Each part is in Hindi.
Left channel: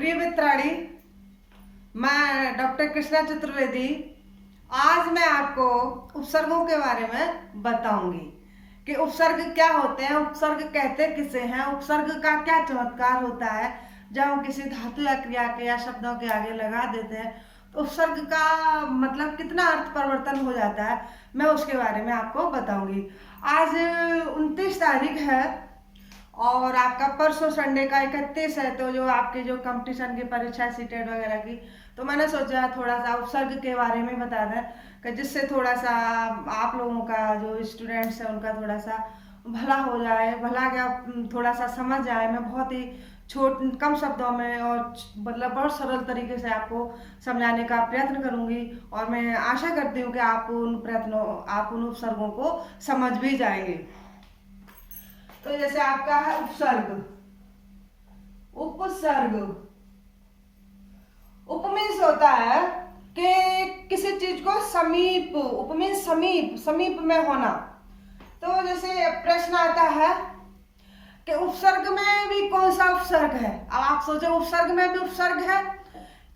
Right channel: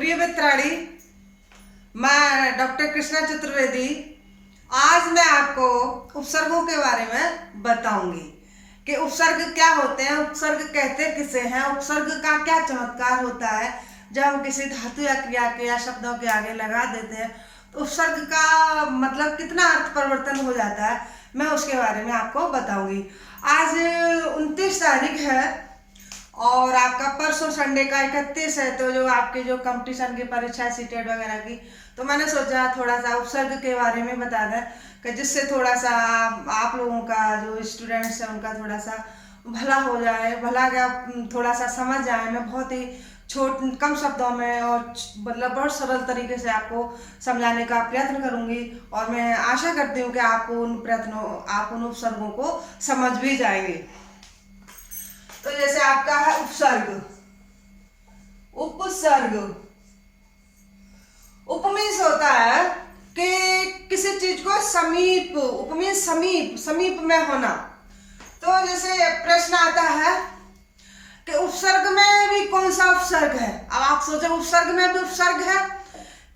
प्रिय मित्राणी, मैं डॉक्टर कृष्णा चतुर्वेदी आज मैं आपको उपसर्गों के बारे में बताऊंगी कि उपसर्ग क्या होते हैं, उपसर्ग कहते किसे हैं, उपसर्ग का क्या चमत्कार होता है। जब हम किसी धातु या क्रिया के या शब्दों के आगे लगा देते हैं तो उपसर्ग का मतलब कितना अर्थ परिवर्तन हो जाता है, मैं उसके बारे में आपको बताऊंगी। आज 29 तारीख है और आपका परसों संडे का 31 है, तो जो आपके जो कंपटीशन की परीक्षा है सीटेट वगैरह की, तो मैंने सोचा थोड़ा सा उपसर्ग के बारे में बता दें कि जिससे थोड़ा सा आप लोगों का जो स्टूडेंट्स हैं उनका थोड़ा सा भला हो जाए, भला क्या थोड़ा सा समझ जाए। मैं बहुत ही कम शब्दों में और मतलब बहुत सरल तरीके से आपको समझाने का प्रयत्न करूंगी और मैं आशा करती हूँ कि आप उन उपसर्गों को समझ भी जाएंगे। तो जैसे आपका है उपसर्ग, उपसर्ग, उप मीन्स होता है कि किसी चीज को समीप, उप मीन्स समीप, समीप में होना। तो जैसे प्रश्न आता है कि उपसर्ग में भी कौन सा उपसर्ग है। अब आप सोचे उपसर्ग में भी उपसर्ग है,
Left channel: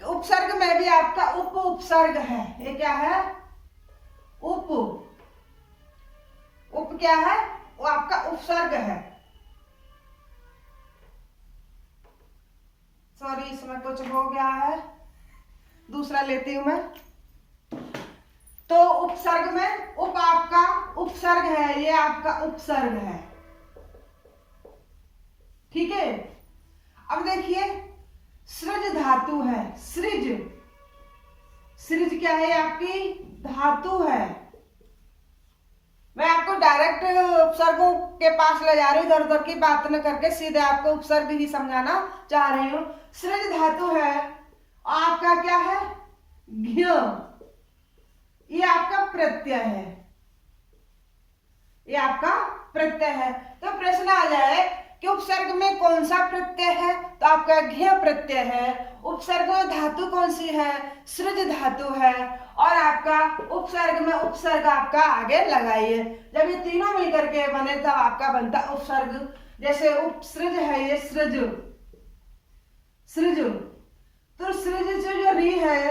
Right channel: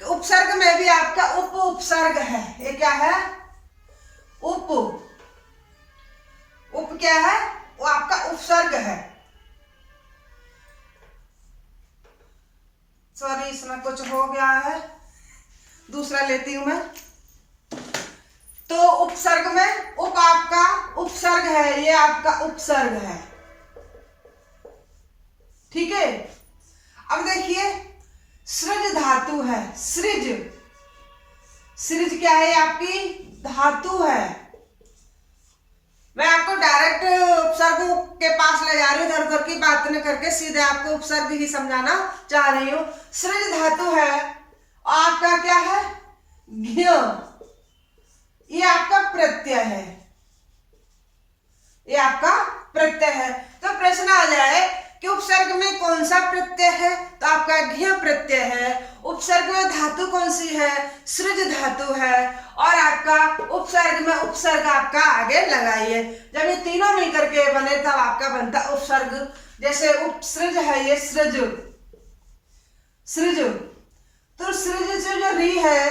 कि उपसर्ग में भी आपका उप उपसर्ग है। ये क्या है? उप, उप क्या है? वो आपका उपसर्ग है। सॉरी, इसमें कुछ हो गया है, दूसरा लेती हूं मैं। तो उपसर्ग में उप आपका उपसर्ग है, ये आपका उपसर्ग है, ठीक है। अब देखिए सृज धातु है, सृज, सृज क्या है? आपकी धातु है। मैं आपको डायरेक्ट उपसर्गों के पास ले जा रही हूँ, इधर उधर की बात न करके सीधे आपको उपसर्ग ही समझाना चाह रही हूँ। सृज धातु है और आपका क्या है? घ्य, ये आपका प्रत्यय है, ये आपका प्रत्यय है। तो प्रश्न आ जाए कि उपसर्ग में कौन सा प्रत्यय है, तो आपका घ्य प्रत्यय है। उपसर्ग में धातु कौन सी है? सृज धातु है। और आपका उपसर्ग में उपसर्ग आपका आगे लगाइए। जब ये तीनों मिलकर के बने तब आपका बनता उपसर्ग। जैसे उपसृज है, ये सृज, सृज, तो सृज से जो री है,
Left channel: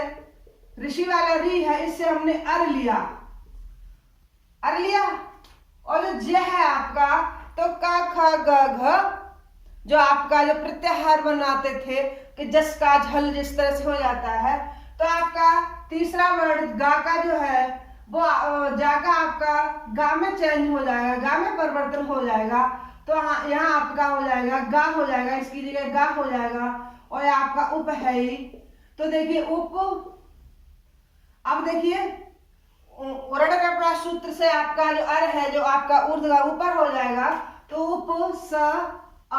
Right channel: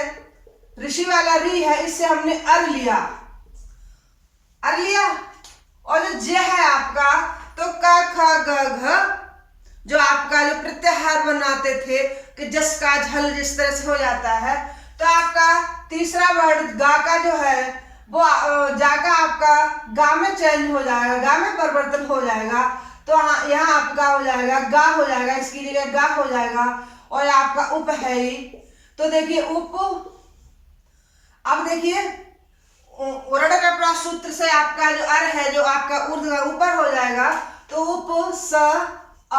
ऋषि वाला री है, इससे हमने अर लिया, अर लिया। और जो ज है आपका, तो क ख ग घ, जो आपका जो प्रत्याहार बनाते थे कि जस का झल जिस तरह से हो जाता है, तो आपका तीसरा वर्ड गा का जो है वो जा का आपका गा में चेंज हो जाएगा, गा में परिवर्तन हो जाएगा। तो यहाँ आपका हो जाएगा गा, हो जाएगा, इसकी जगह गा हो जाएगा। और आपका उप है ही, तो देखिए उप। अब देखिए सूत्र से आपका जो अर है, जो आपका ऊर्ध्व का ऊपर हो जाएगा, तो उप स अ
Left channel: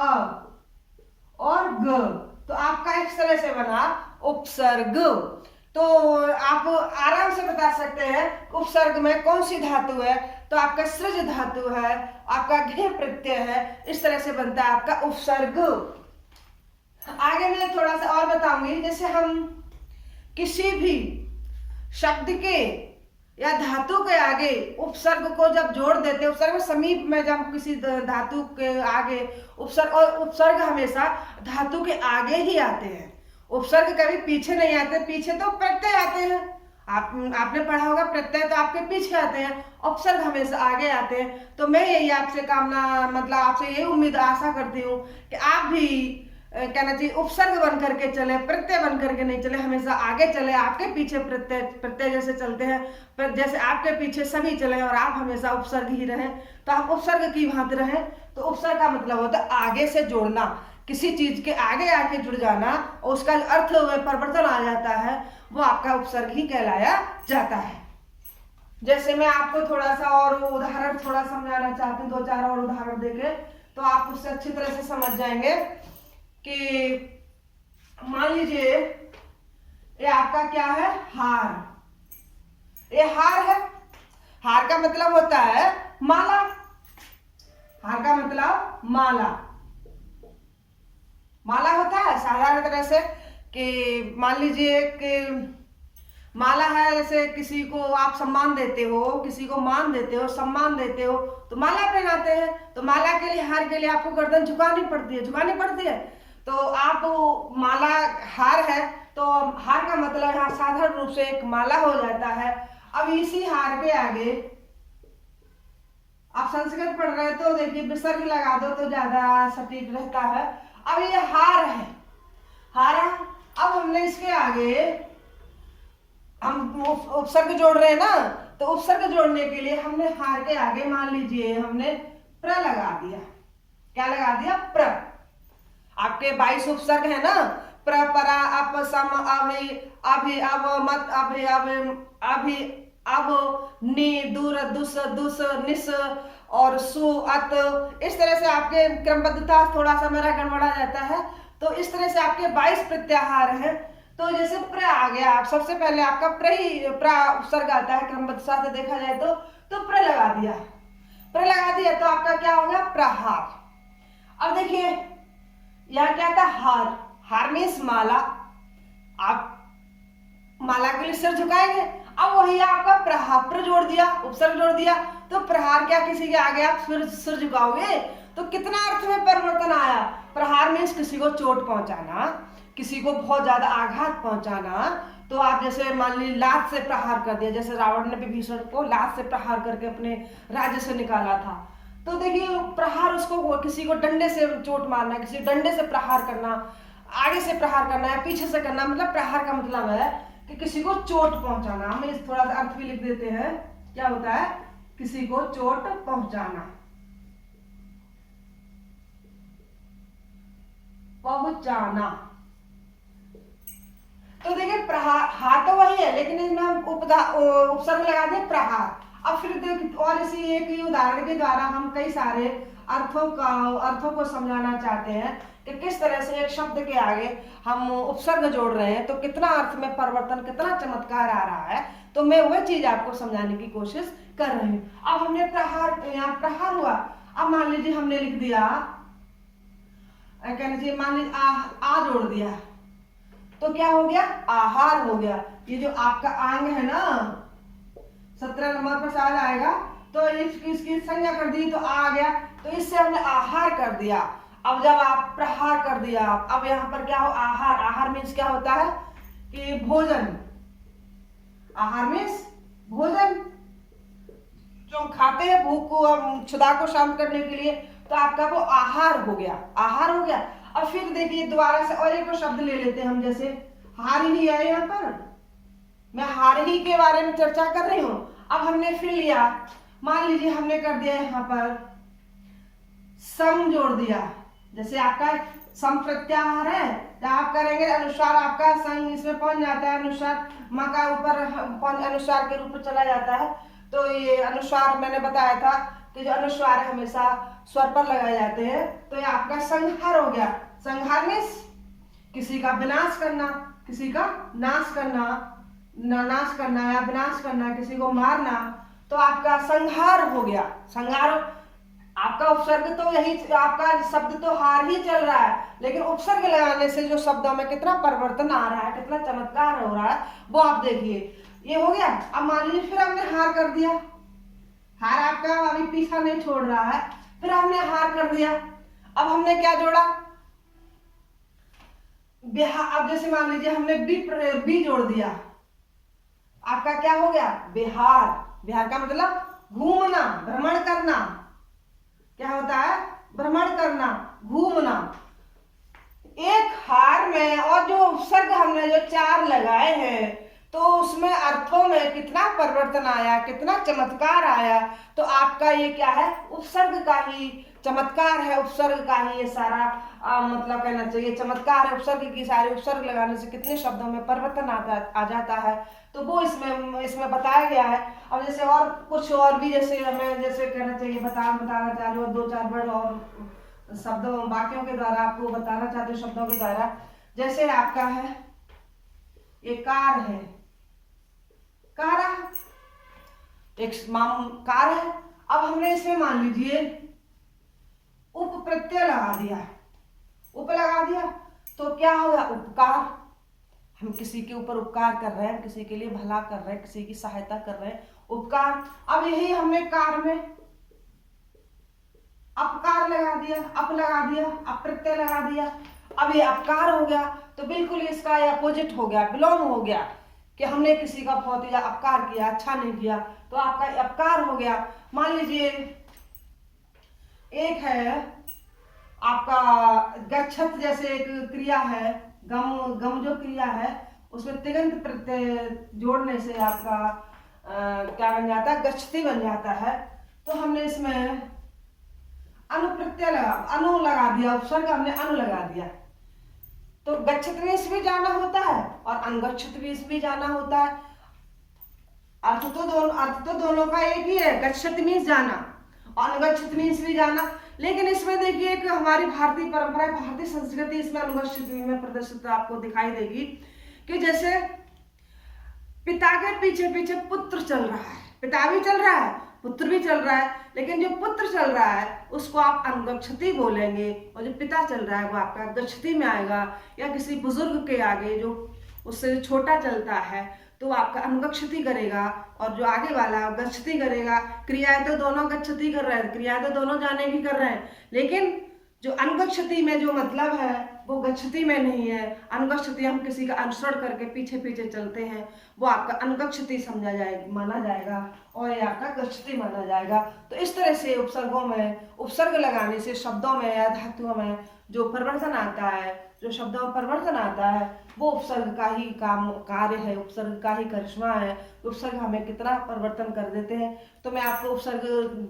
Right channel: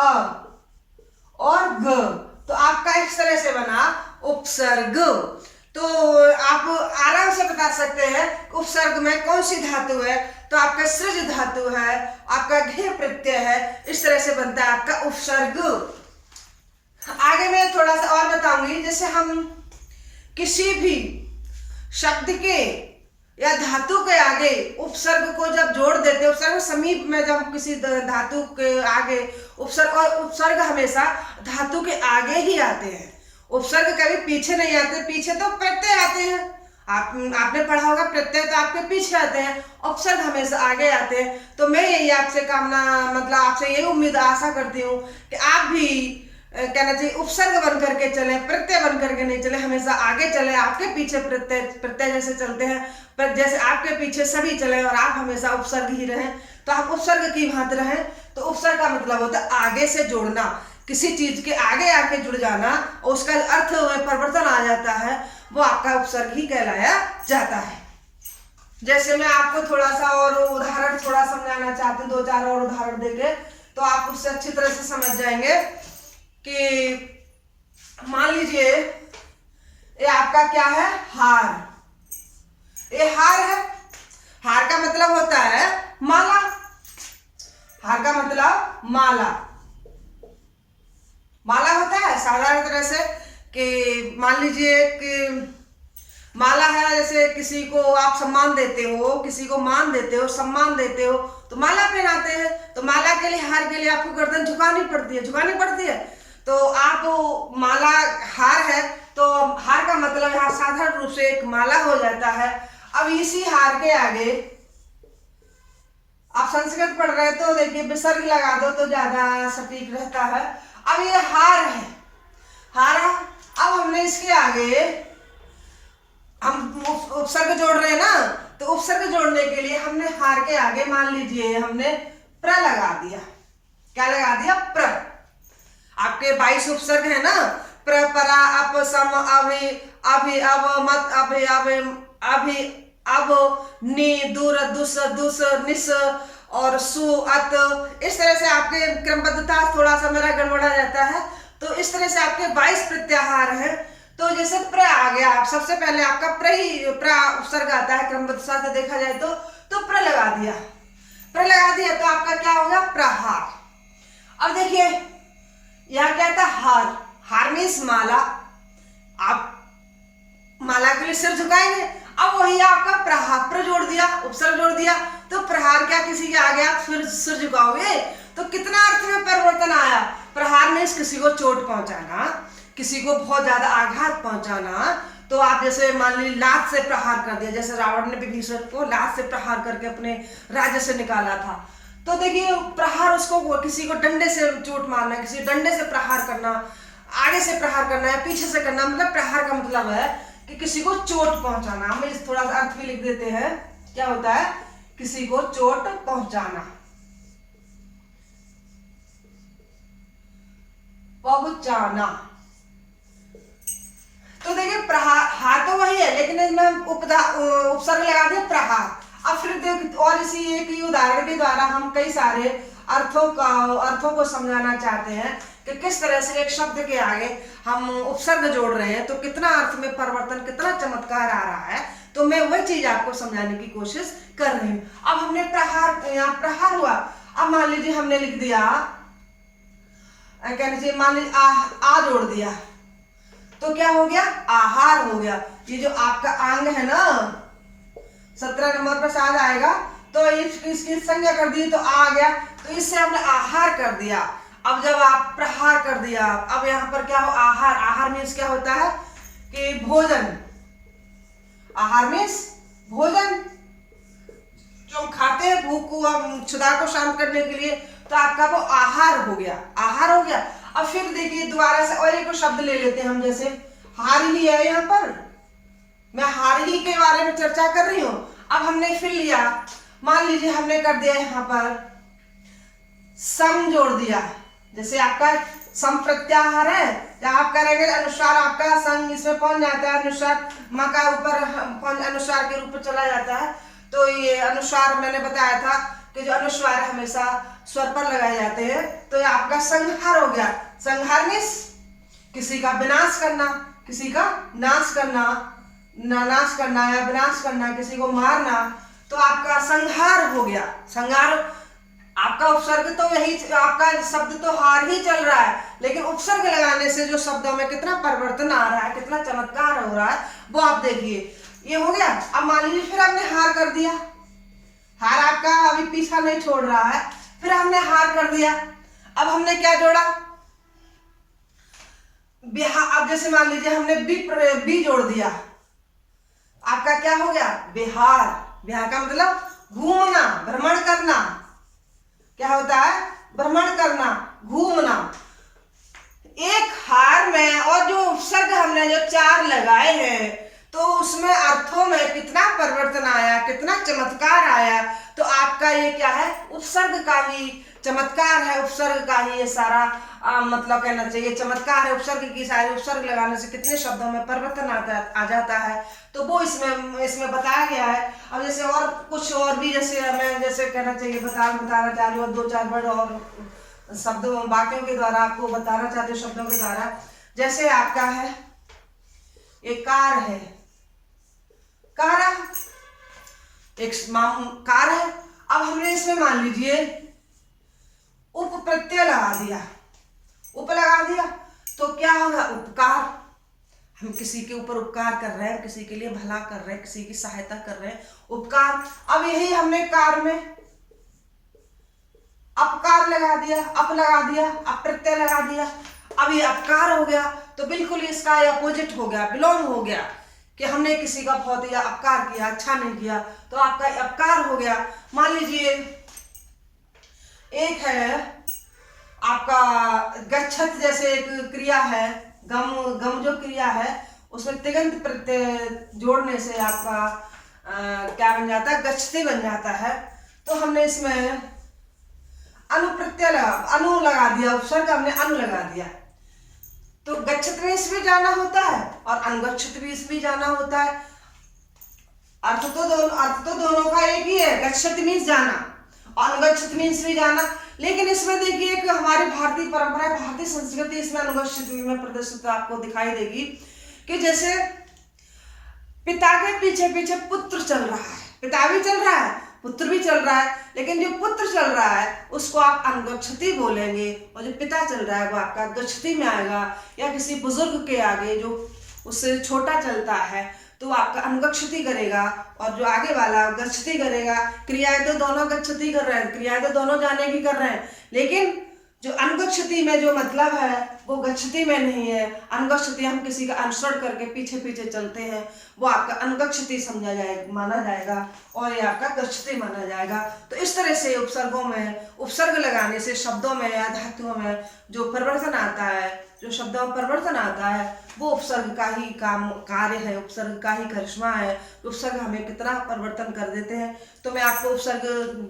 और ग, तो आपका इस तरह से बना उपसर्ग। तो आप आराम से बता सकते हैं उपसर्ग में कौन सी धातु है, तो आपका सृज धातु है, आपका घे प्रत्यय है, इस तरह से बनता है आपका उपसर्ग। आगे मैं थोड़ा सा और बताऊंगी। जैसे हम किसी भी शब्द के या धातु के आगे उपसर्ग को जब जोड़ देते हैं, उपसर्ग समीप में जब किसी धातु के आगे उपसर्ग, और उपसर्ग हमेशा धातु के आगे ही आते हैं, उपसर्ग कभी पीछे नहीं आते। पीछे तो प्रत्यय आते हैं, आपने पढ़ा होगा प्रत्यय तो आपके पीछे आते हैं, उपसर्ग हमेशा आगे आते हैं। तो मैं यही आपसे आपसे यही उम्मीद आशा करती हूँ कि आप भी कहना चाहिए उपसर्ग बन करके चले, प्रत्यय बन करके नहीं चले, हमेशा आगे चले। आपके पीछे प्रत्यय, प्रत्यय जैसे चलते हैं, जैसे आपके पीछे सभी चले और आप हमेशा उपसर्ग ही रहें, तो आप उपसर्ग की भांति रहें। तो उपसर्ग का मतलब होता है आगे से जोड़ना, किसी चीज के आगे आके जुड़ जाना और उसका अर्थ परिवर्तन आ जाता है, वो आपका उपसर्ग ही कहलाया जाता है। जैसे मैं आपको थोड़ा सा और उदाहरण थोड़ा समझाना चाहती हूँ, 2-4 और उदाहरण देके, तो आप उससे अच्छी तरह से समझ जाएंगे कि मान लीजिए ये आपका क्या है? हार, ये हार है। हार का मतलब होता है माला, हार का मतलब माला, माला होता है साधारण तरह से कि मान लीजिए कि माला है, जैसे किसी को आप सम्मान देते हो, किसी को मान देते हो, सम्मान देते हो, तो माला पहनाते हैं। तो माला के लिए, हार के लिए आपको गर्दन झुकानी पड़ती है, झुकानी पड़ती है। तो आप माला हार है तो हार का मतलब यहाँ साधारण रूप से एक माला हो जाता है। अब इसी हार के आगे आप संस्कृत पढ़ रहे तो देखिए विसर्ग लगा दो तो ज्यादा सटीक रहता है। अब ये हार है, हार। अब हमने इसके आगे हम उपसर्ग जोड़ रहे हैं ना, तो उपसर्ग जोड़ने के लिए हमने हार के आगे मान लीजिए हमने प्र लगा दिया। क्या लगा दिया? प्र। आपके 22 उपसर्ग है ना, प्र, परा, अप, सम, अभि, अभि, अव, मत, अभि, अभि, अभि, अब, नि, दूर, दुस, दुस, निस और सु, अत। इस तरह से आपके क्रमबद्धता थोड़ा सा मेरा गड़बड़ा जाता है। तो इस तरह से आपके 22 प्रत्याहार हैं। तो जैसे प्र आ गया, आप सबसे पहले आपका प्र उपसर्ग आता है क्रमबद्धता से देखा जाए तो प्र लगा दिया, प्र लगा दिया तो आपका क्या हो गया? प्रहार। अब देखिए यहाँ क्या था? हार। हार मीन्स माला। आप माला के लिए सिर झुकाएंगे। अब वही आपका प्रहार, प्र जोड़ दिया, उपसर्ग जोड़ दिया तो प्रहार। क्या किसी के आगे आप फिर सिर झुकाओगे तो कितना अर्थ में परिवर्तन आया? प्रहार मीन्स किसी को चोट पहुंचाना, किसी को बहुत ज्यादा आघात पहुंचाना। तो आप जैसे मान लीजिए लात से प्रहार कर दिया, जैसे रावण ने विभीषण को लात से प्रहार करके अपने राज्य से निकाला था। तो देखिए प्रहार, उसको किसी को डंडे से चोट मारना, किसी डंडे से प्रहार करना, आगे से प्रहार करना या पीछे से करना, मतलब प्रहार का मतलब है कि किसी को चोट पहुंचाना। हम इस थोड़ा सा अर्थ भी लिख देते हैं, क्या होता है? किसी को चोट पहुंचाना, पहुंचाना। तो देखिए प्रहार, हार तो वही है लेकिन इसमें उपसर्ग लगा दिया प्रहार। अब फिर देख, और इसी एक ही उदाहरण के द्वारा हम कई सारे अर्थों को समझाना चाहते हैं कि किस तरह से एक शब्द के आगे हम उपसर्ग जोड़ रहे हैं तो कितना अर्थ में परिवर्तन, कितना चमत्कार आ रहा है। तो मैं वही चीज आपको समझाने की कोशिश कर रही हूँ। अब हमने प्रहार, यहाँ प्रहार हुआ। अब मान लीजिए हमने लिख दिया, कह लीजिए मान लीजिए आ जोड़ दिया तो क्या हो गया? आहार हो गया। ये जो आपका अंग है ना 17 नंबर पर शायद आएगा, तो इसकी संज्ञा कर दी तो आ गया, तो इससे हमने आहार कर दिया। अब जब आप प्रहार कर दिया, अब यहाँ पर क्या हो? आहार। आहार मीन्स क्या होता है कि भोजन। आहार मीन्स भोजन, जो हम खाते हैं भूख को, क्षुधा को शांत करने के लिए, तो आपका वो आहार हो गया, आहार हो गया। अब फिर देखिए दोबारा से और एक शब्द ले लेते हैं हम, जैसे हार ही है, यहाँ पर मैं हार ही के बारे में चर्चा कर रही हूं। अब हमने फिर लिया, मान लीजिए हमने कर दिया यहाँ पर सम जोड़ दिया, जैसे आपका सम प्रत्याहार है, जब आप करेंगे अनुस्वार आपका संग इसमें पहुंच जाता है, अनुस्वार म का ऊपर अनुस्वार के रूप में चला जाता है। तो ये अनुस्वार मैंने बताया था कि जो अनुस्वार हमेशा स्वर पर लगाए जाते हैं। तो ये आपका संहार हो गया। संहार मीन्स किसी का विनाश करना, किसी का नाश करना, नाश करना या विनाश करना, किसी को मारना, तो आपका संहार हो गया। संहार आपका उपसर्ग तो यही, आपका शब्द तो हार ही चल रहा है, लेकिन उपसर्ग लगाने से जो शब्दों में कितना परिवर्तन आ रहा है, कितना चमत्कार हो रहा है, वो आप देखिए। ये हो गया। अब मान लीजिए फिर हमने हार कर दिया, हार आपका अभी पीछा नहीं छोड़ रहा है, फिर हमने हार कर दिया। अब हमने क्या जोड़ा? बिहार। अब जैसे मान लीजिए हमने बी जोड़ दिया, आपका क्या हो गया? बिहार। बिहार का मतलब घूमना, भ्रमण करना। क्या होता है? भ्रमण करना, घूमना। एक हार में और जो उपसर्ग हमने जो 4 लगाए हैं, तो उसमें अर्थों में कितना परिवर्तन आया, कितना चमत्कार आया। तो आपका ये क्या है? उपसर्ग का ही चमत्कार है, उपसर्ग का ही ये सारा मतलब कहना चाहिए चमत्कार है। उपसर्ग की सारी, उपसर्ग लगाने से कितने शब्दों में परिवर्तन आ जाता है, तो वो इसमें बताया गया है। अब जैसे और कुछ और भी, जैसे मैं जैसे कहना चाहिए बताना चाह रही हूँ, 2-4 वर्ड और शब्दों वाक्यों के द्वारा आपको बताना चाहते हैं, शब्दों के द्वारा। जैसे आपका है एक कार है, कारा, एक कार है। अब हमने इसमें मान लीजिए उप प्रत्यय लगा दिया, उप लगा दिया तो क्या होगा? उपकार। हम किसी के ऊपर उपकार कर रहे हैं, किसी के लिए भला कर रहे हैं, किसी की सहायता कर रहे हैं, उपकार। अब यही हमने कार में अपकार लगा दिया, अप लगा दिया, अप्रत्यय लगा दिया। अब ये अपकार हो गया तो बिल्कुल इसका अपोजिट हो गया, बिलोंग हो गया कि हमने किसी का बहुत या अपकार किया, अच्छा नहीं किया, तो आपका अपकार हो गया। मान लीजिए एक है आपका गच्छत जैसे एक क्रिया है, गम गम जो क्रिया है उसमें तिगंत प्रत्यय जोड़ने से आपका क्या बन जाता है, गच्छति बन जाता है। तो हमने इसमें अनु लगा दिया, उपसर्ग हमने अनु लगा दिया, तो गच्छत में भी जाना होता है और अनुगच्छत भी जाना होता है। अर्थ तो दोनों का एक ही है, गच्छत मीन्स जाना और अनुगच्छत मीन्स भी जाना। लेकिन इसमें देखिए कि हमारी भारतीय परंपरा, भारतीय संस्कृति इसमें अनुगच्छत में प्रदर्शित आपको दिखाई देगी कि जैसे पिता के पीछे पीछे पुत्र चल रहा है, पिता भी चल रहा है, पुत्र भी चल रहा है, लेकिन जो पुत्र चल रहा है उसको आप अनुगच्छति बोलेंगे और जो पिता चल रहा है वो आपका गच्छति में आएगा। या किसी बुजुर्ग के आगे जो उससे छोटा चलता है तो आपका अनुगच्छति करेगा और जो आगे वाला गच्छति करेगा। क्रियाएं तो दोनों गच्छति कर रहे हैं, क्रियाएं तो दोनों जाने की कर रहे हैं, लेकिन जो अनुगच्छति में जो मतलब है वो गच्छति में नहीं है। अनुगच्छति हम किसी का अनुसरण करके पीछे पीछे चलते हैं, वो आपका अनुगच्छति समझा जाएगा, माना जाएगा और ये आपका गच्छति माना जाएगा। तो इस तरह से उपसर्गों में उपसर्ग लगाने से शब्दों में या धातुओं में जो परिवर्तन आता है, जो शब्दों में परिवर्तन आता है वो उपसर्ग का ही कार्य है, उपसर्ग का ही करिश्मा है। उपसर्ग हमें कितना परिवर्तन कर देते हैं। तो मैं आपको उपसर्ग,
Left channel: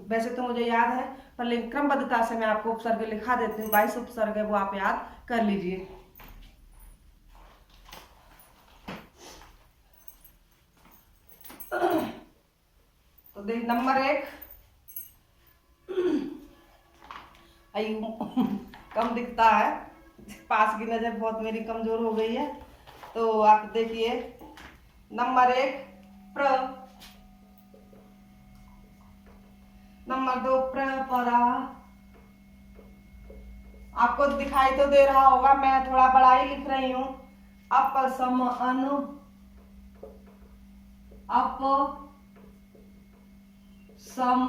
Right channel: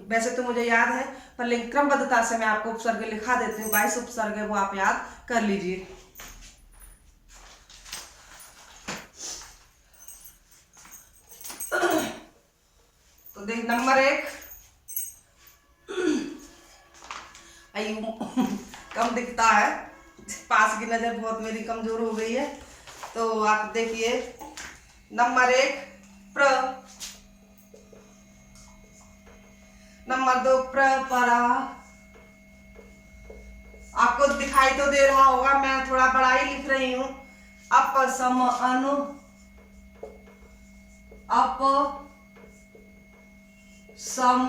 वैसे तो मुझे याद है पर लेकिन क्रमबद्धता से मैं आपको उपसर्ग लिखा देती हूँ। 22 उपसर्ग है, वो आप याद कर लीजिए। तो देख नंबर 1 कम दिखता है, पास की नजर बहुत मेरी कमजोर हो गई है। तो आप देखिए नंबर 1 प्र, नंबर 2 प्र परा। आपको दिखाई तो दे रहा होगा, मैं थोड़ा बड़ा ही लिख रही हूं। अप सम अनु, अप सम,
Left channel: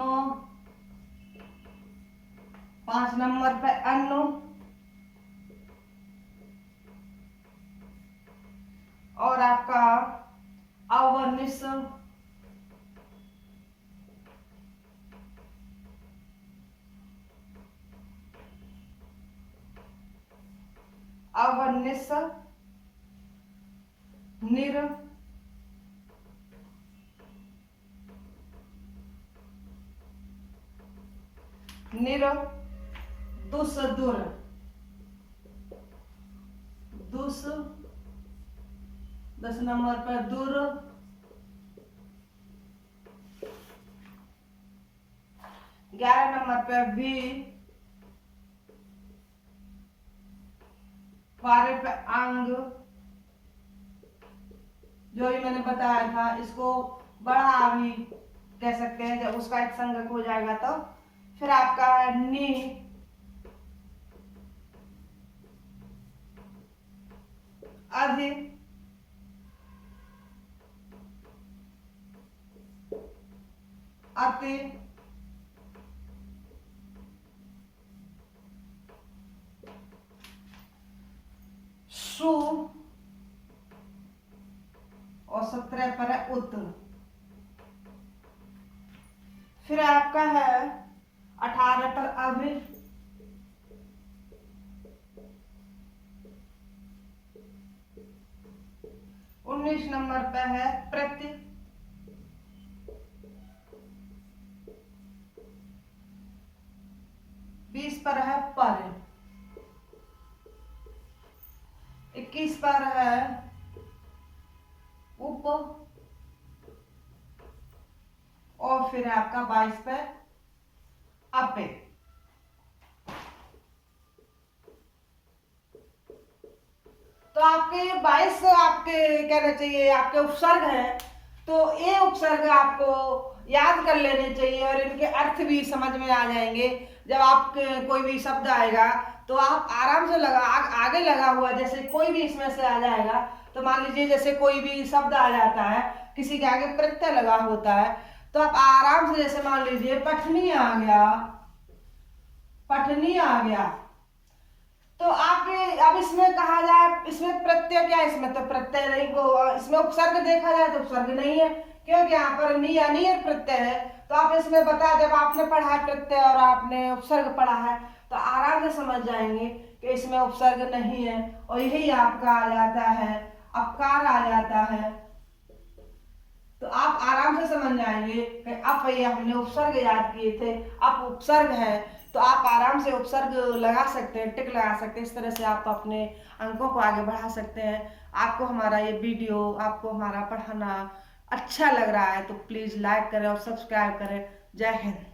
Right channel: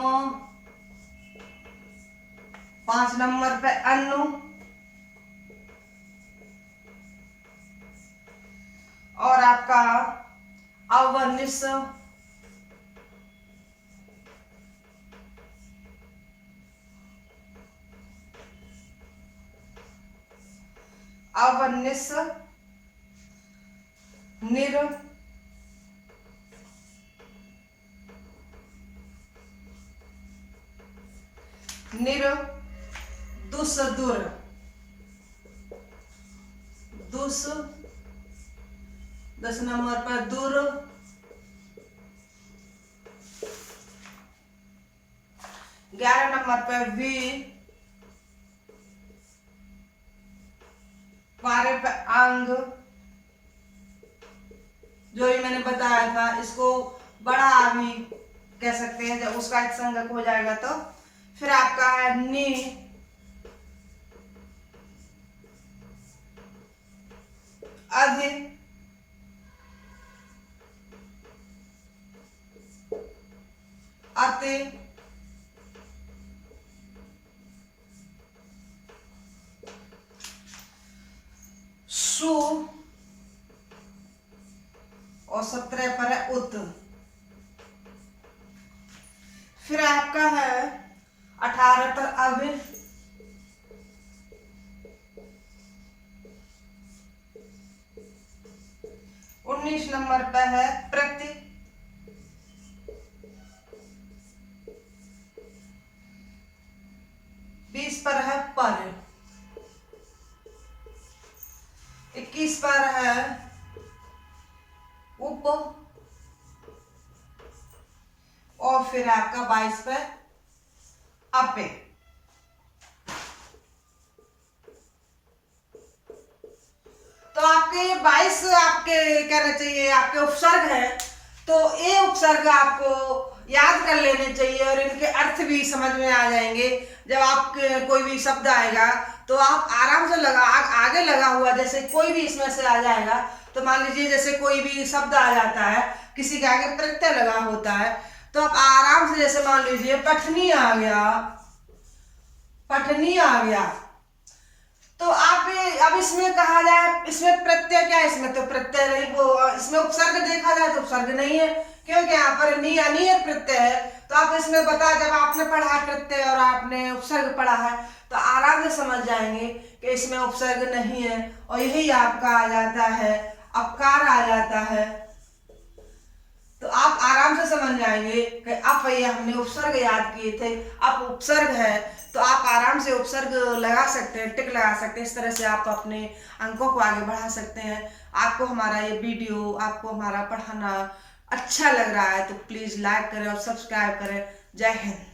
5 नंबर पे अनु और आपका अवनिस, अवनिस, निर, निर, दुस दुर, दुस, 10 नंबर पर दुर, 11 नंबर पर वी, 12 पे अंग, जो भी मैंने बताया था इसको बड़ा भी कह सकते हैं जब उसका एक संगक हो जाएगा तो। फिर आपका है नी, अधि, अति, सु और 17 पर है उत। फिर आपका है 18 पर अभि, 19 नंबर पर है प्रति, 20 पर है पर, 21 पर है उप और फिर आपका 22 पे अपे। तो आपके ये 22 आपके कहना चाहिए आपके उपसर्ग हैं, तो ये उपसर्ग आपको याद कर लेने चाहिए और इनके अर्थ भी समझ में आ जाएंगे। जब आप कोई भी शब्द आएगा तो आप आराम से आगे लगा हुआ जैसे कोई भी इसमें से आ जाएगा। तो मान लीजिए जैसे कोई भी शब्द आ जाता है, किसी के आगे प्रत्यय लगा होता है, तो आप आराम से जैसे मान लीजिए पठनी आ गया, पठनी आ गया, तो आप अब इसमें कहा जाए, इसमें प्रत्यय क्या है, इसमें तो प्रत्यय नहीं, वो इसमें उपसर्ग देखा जाए तो उपसर्ग नहीं है, क्योंकि यहाँ पर अनियत प्रत्यय है। तो आप इसमें बता, जब आपने पढ़ा प्रत्यय और आपने उपसर्ग पढ़ा है तो आराम से समझ जाएंगे कि इसमें उपसर्ग नहीं है, और यही आपका आ जाता है अपकार आ जाता है। तो आप आराम से समझ जाएंगे कि अब ये हमने उपसर्ग याद किए थे, अब उपसर्ग है, तो आप आराम से उपसर्ग लगा सकते हैं, टिक लगा सकते हैं। इस तरह से आप अपने अंकों को आगे बढ़ा सकते हैं। आपको हमारा ये वीडियो, आपको हमारा पढ़ाना अच्छा लग रहा है तो प्लीज़ लाइक करें और सब्सक्राइब करें। जय हिंद।